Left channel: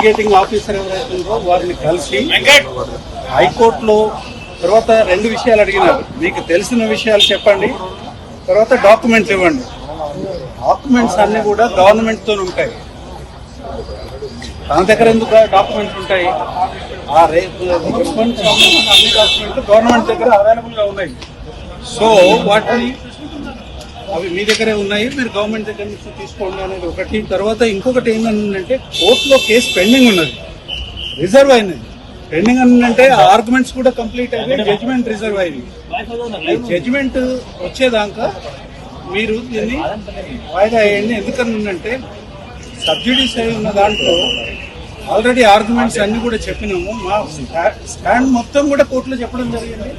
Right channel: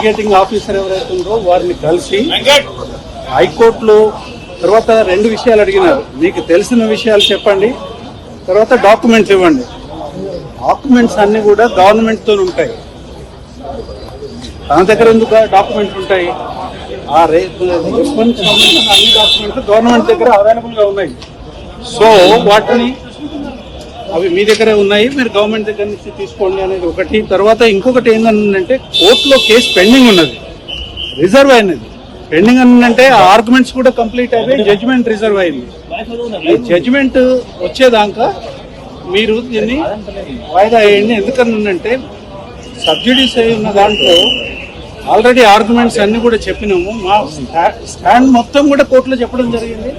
Investigating officer ఎవరైతే ఉందో వారిని కలిసి హైకోర్టులో తర్వాత 2 విషయాలు అడిగినారు. మీకు తెలిసిన విషయాలు చెప్పండి, తర్వాత డాక్యుమెంట్స్ ఇవ్వండి. డాక్యుమెంట్స్ అన్ని కూడా గవర్నమెంట్ తో ఉంటాయి. తన దగ్గర ఎందుకు డాక్యుమెంట్స్ ఉంటాయి? ఆ అన్ని డాక్యుమెంట్స్ గవర్నమెంట్ దగ్గర అవైలబుల్ గా ఉన్నాయి. సో వాటిని అవి మీ దగ్గరే ఉన్నాయి, మీరు గవర్నమెంట్ దగ్గర నుంచి తీసుకోండి అనేది ఒకటి. తర్వాత ఇంకొకటి ఏంటంటే కోర్టులో కేసు పెండింగ్ ఉన్నది, రిజర్వ్ అయినది. పెండింగ్ అంటే ఆర్గ్యుమెంట్స్ కూడా కంప్లీట్ అయ్యి జడ్జిమెంట్ రిజర్వ్ అయింది. జడ్జిమెంట్ వచ్చేదాకా మీరు దీన్ని వాయిదా వేయండి. ఎందుకనంటే సబ్సిడీస్ ఉన్న దాంట్లో ఆల్రెడీ ఆర్గ్యుమెంట్స్ అన్ని కూడా చెప్పినాము. మా స్టాండ్ మొత్తం కూడా కోర్టులో చెప్పడం జరిగింది.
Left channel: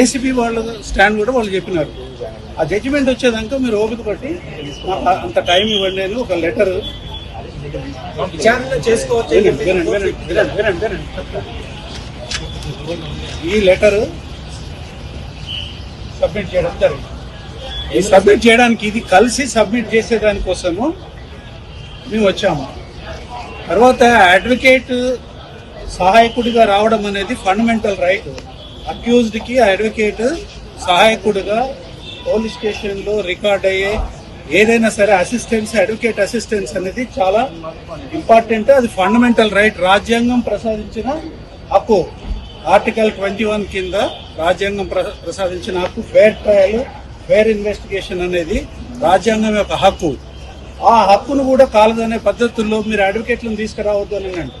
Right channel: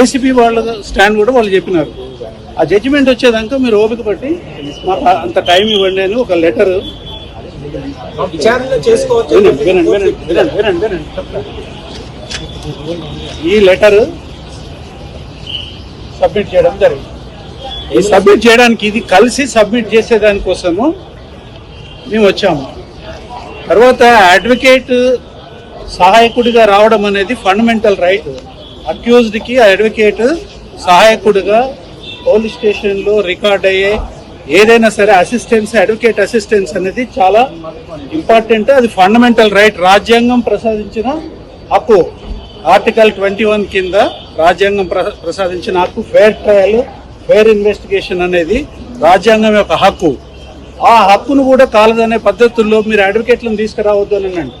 ఏసీపీ వాళ్ళ స్టాండ్ కూడా వాళ్ళు చెప్పినారు. ఆ జడ్జిమెంట్ వచ్చేదాకా మీరు ఓపిక పట్టి మాకు అంత టైం ఇవ్వండి అని ఒక లెటర్ ఈ లెటర్ సబ్మిట్ చేయడం జరిగింది. ఈ సబ్మిట్ చేయడానికి ఇది కలిసి సబ్మిట్ చేసేదానికోసము మేము వచ్చాము. తర్వాత అడ్వకేట్ సహాయకుడిగా రావడం అనేది ఫండమెంటల్ రైట్. అక్యూజ్డ్ కి అడ్వకేట్ సహాయకుడిగా పోలీస్ స్టేషన్ లో రికార్డ్ అయ్యే ఏదైనా సరే అసిస్టెన్స్, అడ్వకేట్ అసిస్టెన్స్ అనేది చాలా ఇంపార్టెంట్. అది ఫండమెంటల్ రైట్, రాజ్యాంగం ప్రసాదించిన హక్కు. ఆర్టికల్ 21 కింద రాజ్యాంగం ప్రసాదించిన హక్కు. ఫెయిర్ ట్రయల్, ఫెయిర్ ఇన్వెస్టిగేషన్ అనేది రాజ్యాంగం యొక్క హక్కు. ఆ హక్కును కూడా కాలదనే పద్ధతుల్లో మీరు అడ్వకేట్లను తీసుకురావద్దు అని అండి.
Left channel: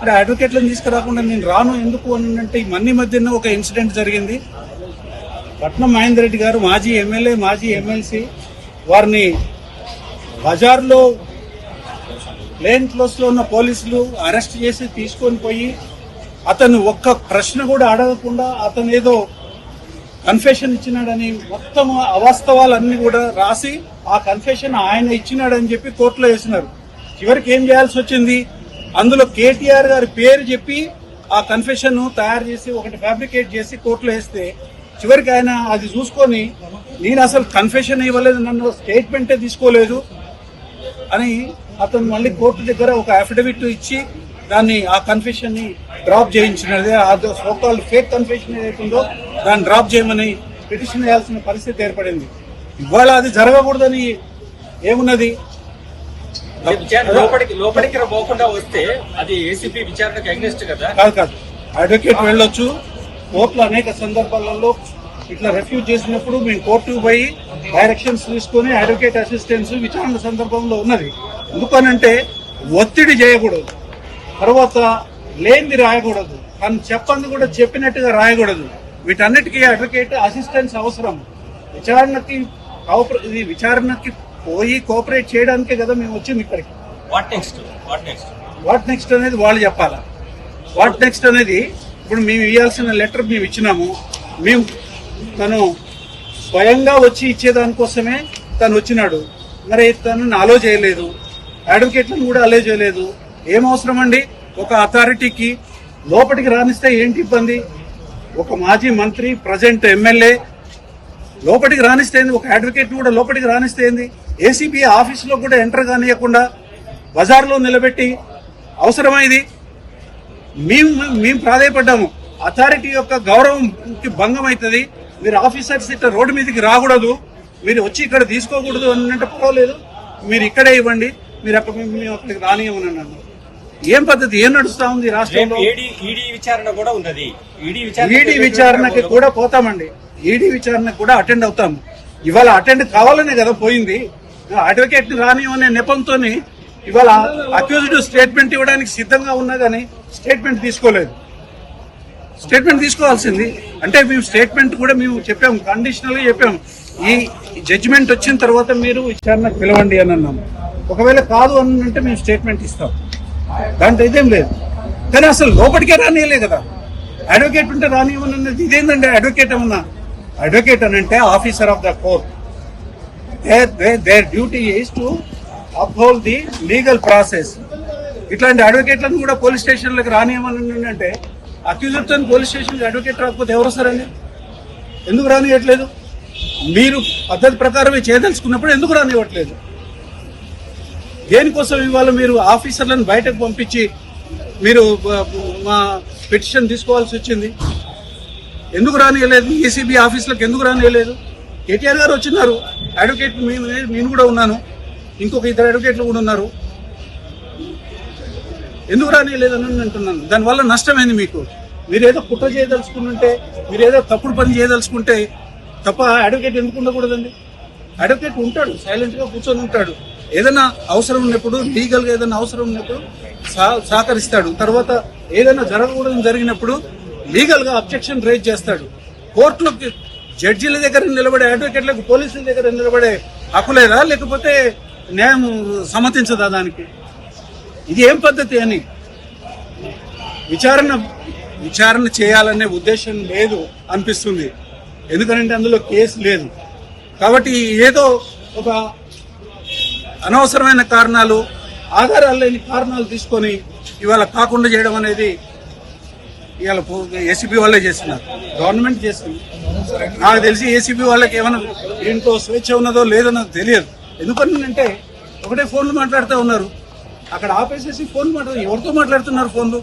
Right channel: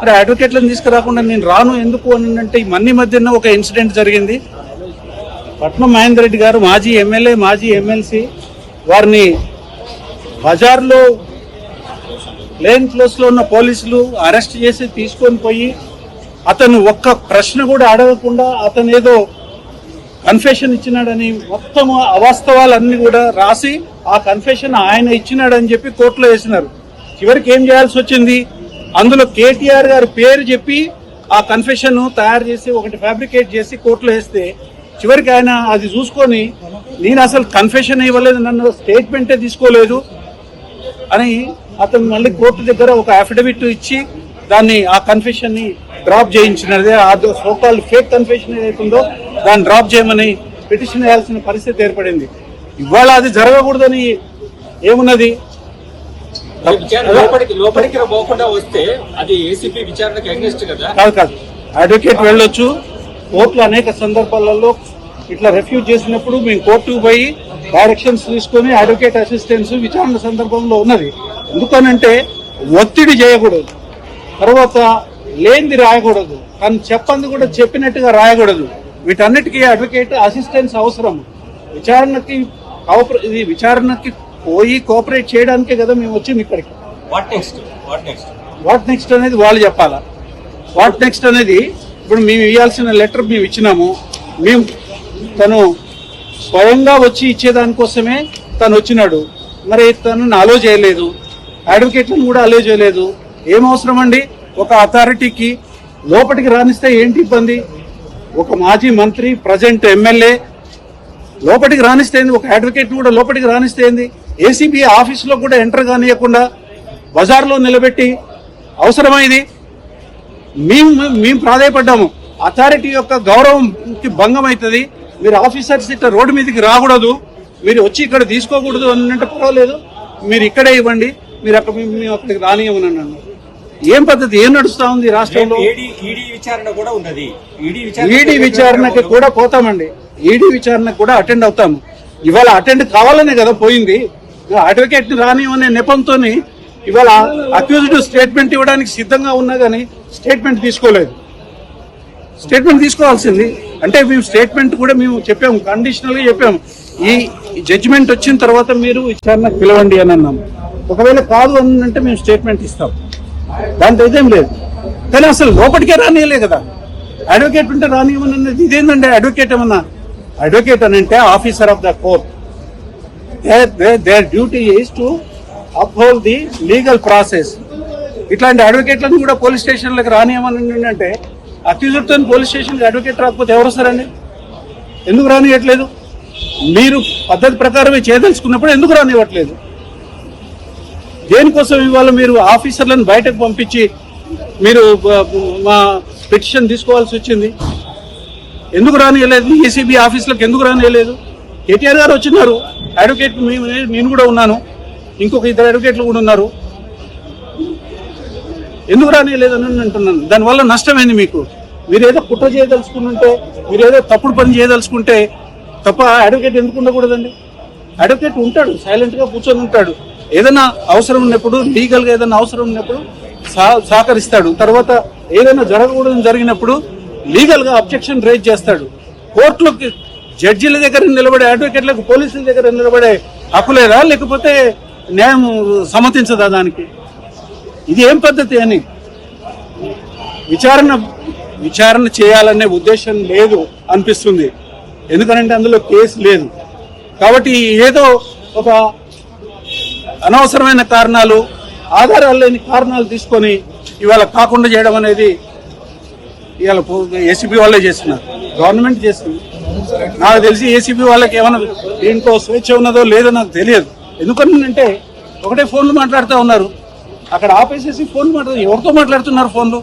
మరి అడ్వకేట్లను తీసుకురాకుండా నేను రాను ఎందుకు అని అంటే మన్ని మధ్యన ఒక ఇన్సిడెంట్ జరిగింది. పట్నం మహేందర్ రెడ్డి గారు మాజీ ఎమ్మెల్యే, మాజీ ఎమ్మెల్సీ, వారిని బజార్లో ప్లేన్ క్లోజ్ లో ఉన్న పోలీసులు అరెస్ట్ చేసి తీసుకొని పోయి అతను ఒక్క ప్రశ్న కూడా అడగకుండా అతను ఏదో కన్ఫెషన్ ఇచ్చినాడని మొత్తం అవాస్తవాలన్నీ కూడా రాసి ఆ కన్ఫెషన్ ఆయన ఇచ్చినాడని చెప్పి కోర్టులో వేసినారు. చివరికి ఏం చేయాల్సి వచ్చింది? అందులో కేటీఆర్ గారి పేరు చెప్పి ఆ కన్ఫెషన్ తయారు చేసి ఒకటి ఫ్యాబ్రికేట్ చేసి కోర్టులో వేస్తే చివరికి ఆయన అది చూసుకొని నేను అసలు కన్ఫెషన్ ఇవ్వలేదు, నన్ను స్టేట్మెంటే తీసుకోలేదు అని అతను మళ్ళీ కోర్టు దగ్గర ఒక అఫిడవిట్ ఇచ్చి దాన్ని ఆ కన్ఫెషన్ ని డ్రాప్ చేయించినది. ఆ సోకాల్డ్ ఫేక్ కన్ఫెషన్ ఏదైతుందో దాన్ని డ్రాప్ చేయమని పిటిషన్ వేయాల్సిన పరిస్థితి ఏర్పడింది. ఇవాళ అది జరగకూడదని ఏమున్నది? లోపలికి పోకుండా వస్తే అది ఏసీపీ విచారణకు అగెన్స్ట్ కదా? కాదు, అడ్వకేట్ వెళ్ళొచ్చు. కోర్టులో అనేక సందర్భాలలో ఇట్లా రిఫ్యూజ్ చేసినప్పుడు మేము కోర్టుకు పోయి డైరెక్షన్స్ తీసుకుని అడ్వకేట్ అసిస్టెన్స్ విచారణ సందర్భంలో ఉన్నది. ఎందుకనంటే ఒత్తిడి చేయకూడదు, తర్వాత లేనిది రాయకూడదు, కానీ చెప్పంది కూడా చెప్పినట్టుగా రాయకూడదు. వీటన్నిటికీ అడ్వకేట్ అసిస్టెన్స్ అవసరం. విచారణకి పోయి కోఆపరేట్ చేయడానికే కదా మేము వచ్చింది ఇక్కడికి. వాట్ నెక్స్ట్ అనేది వాళ్ళు చెప్పాలా. వాట్ నెక్స్ట్ అనేది ఇప్పుడు మేము ఇవ్వాల్సిన లెటర్ మేము ఇచ్చినాము. మేము తను స్వయంగా వచ్చి ఇచ్చేదానికోసమే తను వచ్చినాడు. మరి తనను అలో చేయలేదు, అడ్వకేట్లను కూడా అలో చేయలేదు. ఏం అవసరం అండి? ఒక అథారిటీకి లోపలికి రానిస్తే ఏంటి ఇబ్బంది? ఒక మాజీ మంత్రి, ప్రజెంట్ ఎమ్మెల్యే లోపలికి రానిస్తే, ఒక అడ్వకేట్ కూడా లోపలికి రానిస్తే, ఏసీబీ ఆఫీసులో కూడా ఎంటర్ కానియకుండా బజార్లో నిలబెట్టి అవసరమైంది? మేము ప్రాధాయపడ్డాము. అథారిటీ యొక్క గౌరవంకి భంగం అవుతుంది. మీరు ఆఫీసర్స్ ఇట్లా రోడ్డు మీదకి రాకూడదు, మీరు వచ్చి ఇక్కడ తీసుకోకూడదు అని అంటే పర్వాలేదు, మీరు ఇక్కడే ఇవ్వండి, మీరు అక్కడికి రానియమని అన్నారు. ఏం పద్ధతి? ఏం నడుస్తా ఉంది రాష్ట్రంలో? ఈడీ విచారణ కూడా ఉన్నది. ఈడీ విచారణకి కూడా పోతామండి. ఈడీ విచారణకు కూడా అటెండ్ అవుతాము. ఇవాళ అటెండ్ కావాలనే కదా పోయింది. అడ్వకేట్ రానివనే నెపంతో ఇవాళ అక్యూజ్డ్ స్టేట్మెంట్ ఇవ్వడానికి సిద్ధంగా ఉన్నా కానీ స్టేట్మెంట్ తీసుకోలేదు. స్టేట్మెంట్ తీసుకోవాల్సింది అంటే మేము స్టేట్మెంట్ కూడా మేము చెప్పాము, కండిషనల్ గా చెప్పాము. ఈ జడ్జిమెంట్ వచ్చిన తర్వాత మీరు విచారణకు పిలవండి అని అన్నాము. ఒకవేళ కాదు అని అంటే మేము స్టేట్మెంట్ ఇస్తాం, దాంట్లో ఇదేం లేదు. కానీ అసలు లోపలికే రానియలే కదా. అడ్వకేట్ ఉంటే రానియమన్నది ఇదేంటంటే అడ్వకేట్ ఏమన్నా? అడ్వకేట్ అని అంటే officer of the court. Their duty is to uphold the legal process. ఇట్లాంటి అడ్వకేట్లను కూడా పోలీస్ స్టేషన్లకు రానియమని అంటే అక్యూజర్ తో పోలీస్ స్టేషన్ అడ్వకేట్ రాకపోతే ఎవరు వస్తారండి? ఎందుకు రానియట్లేదు? మీరు పద్ధతి ప్రకారమే చేయదలుచుకున్నప్పుడు ఎందుకు రానివ్వట్లేదు? దేనికోసం ఇవాళ మీరు ఆఫీసర్లను బయటకు పంపించి మీరు మా పిటిషన్ తీసుకోవాల్సి వచ్చింది? ఎందుకు రానియలేదు? ఏసీబీ ఆఫీసులకు ఎందుకు రానియలేదు? కేటీఆర్ గారు వచ్చినారు, అడ్వకేట్ నేను కూడా ఉన్నాను, ఇంకొక 2 అడ్వకేట్లు కూడా ఉన్నారు. ఎందుకు రానియలేదని అంటున్నాను. దానివల్ల నష్టమైంది మీకు. మీరేదో కుట్ర చేయదలుచుకుంటే, మీరేదో తప్పుడు పని చేయదలుచుకుంటే తప్ప అడ్వకేట్ ఎందుకు ఉండకూడదండి? అడ్వకేట్ ఉంటాడు, సైలెంట్ గా కూర్చొని ఉంటాడు. ఏదైనా అవసరం ఉన్నప్పుడు, లీగల్ గా ఏదైనా అవసరం ఉన్నప్పుడు సహకరిస్తాడు. తర్వాత ఏదైనా జరగకూడదు జరిగినప్పుడు లీగల్ గా అబ్జెక్షన్ రైజ్ చేస్తాడు. కోర్టులోకి జడ్జీల దగ్గర నిలబడే అడ్వకేట్లకు పోలీసుల దగ్గర నిలబడే హక్కు లేదా? లేకపోతే న్యాయం సమ్మతించదా దానికి? ఇది ఏం పద్ధతి అని విచారణ చేయాలనే ఉద్దేశం లేదు అనిపిస్తుంది. ఎందుకంటే అందులో కేసు లేదు కాబట్టి ఏదో ఒక అనవసరమైన కారణాలు, ఆధారాలు లేని కారణాలు తీసుకొని ఇవాళ కాకుండా చేయడం అనేది ఇవాళ ఏసీబీ వాళ్ళే చేస్తున్నారు, గవర్నమెంట్ చేస్తుంది. నాకు తెలిసి ఏసీబీ వాళ్ళకి ఏమైనా దీంట్లో స్వేచ్ఛ ఉన్నదో లేదో నాకు తెలియదు. ఎందుకంటే ఒకటే ఫోన్లు మాట్లాడుతూ ఉన్నారు, అక్కడ ఆపేసేసి ఫోన్ మాట్లాడుతూ ఎవరితో మాట్లాడుతున్నారు ఫోన్లు?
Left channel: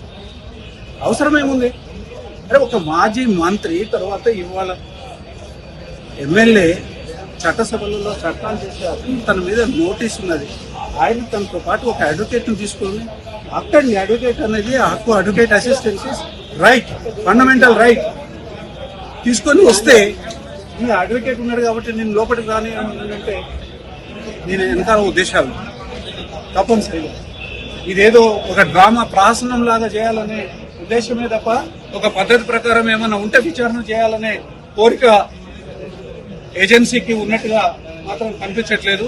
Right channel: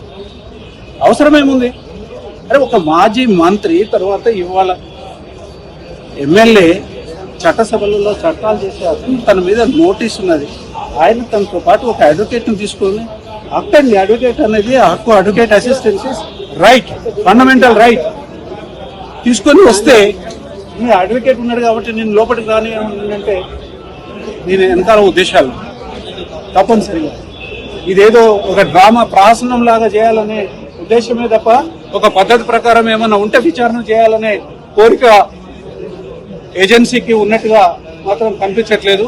అవసరమేముంది? అరే ఒక మాజీ మంత్రి తర్వాత ఇవాళ ఎమ్మెల్యే చట్టసభలలో చట్టాలు చేసే అతను తన మీద నోటీస్ ఉన్నది. ఆయన తనతో పాటు ఒక అడ్వకేట్ ను తీసుకొని హక్కు, అడ్వకేట్ అనేది హక్కు, advocate assistance right, fundamental right తీసుకొని వస్తే ఈ అడ్వకేట్ ఉన్నాడు కాబట్టి నేను లోపలికి రాని అంటే నేను వెనకాల ఉద్దేశాలు తప్పనిసరిగా ఇదేదో ఒక డ్రామా ప్రహసనం లాగా చేయాలనే ఉద్దేశమే తప్ప ఒక పద్ధతి ప్రకారం ఏమన్నా ఉంటే విచారణ చేయాలనే కోరిక ఏజెన్సీకి ఉన్నట్టుగా మాత్రం కనిపించట్లేదు.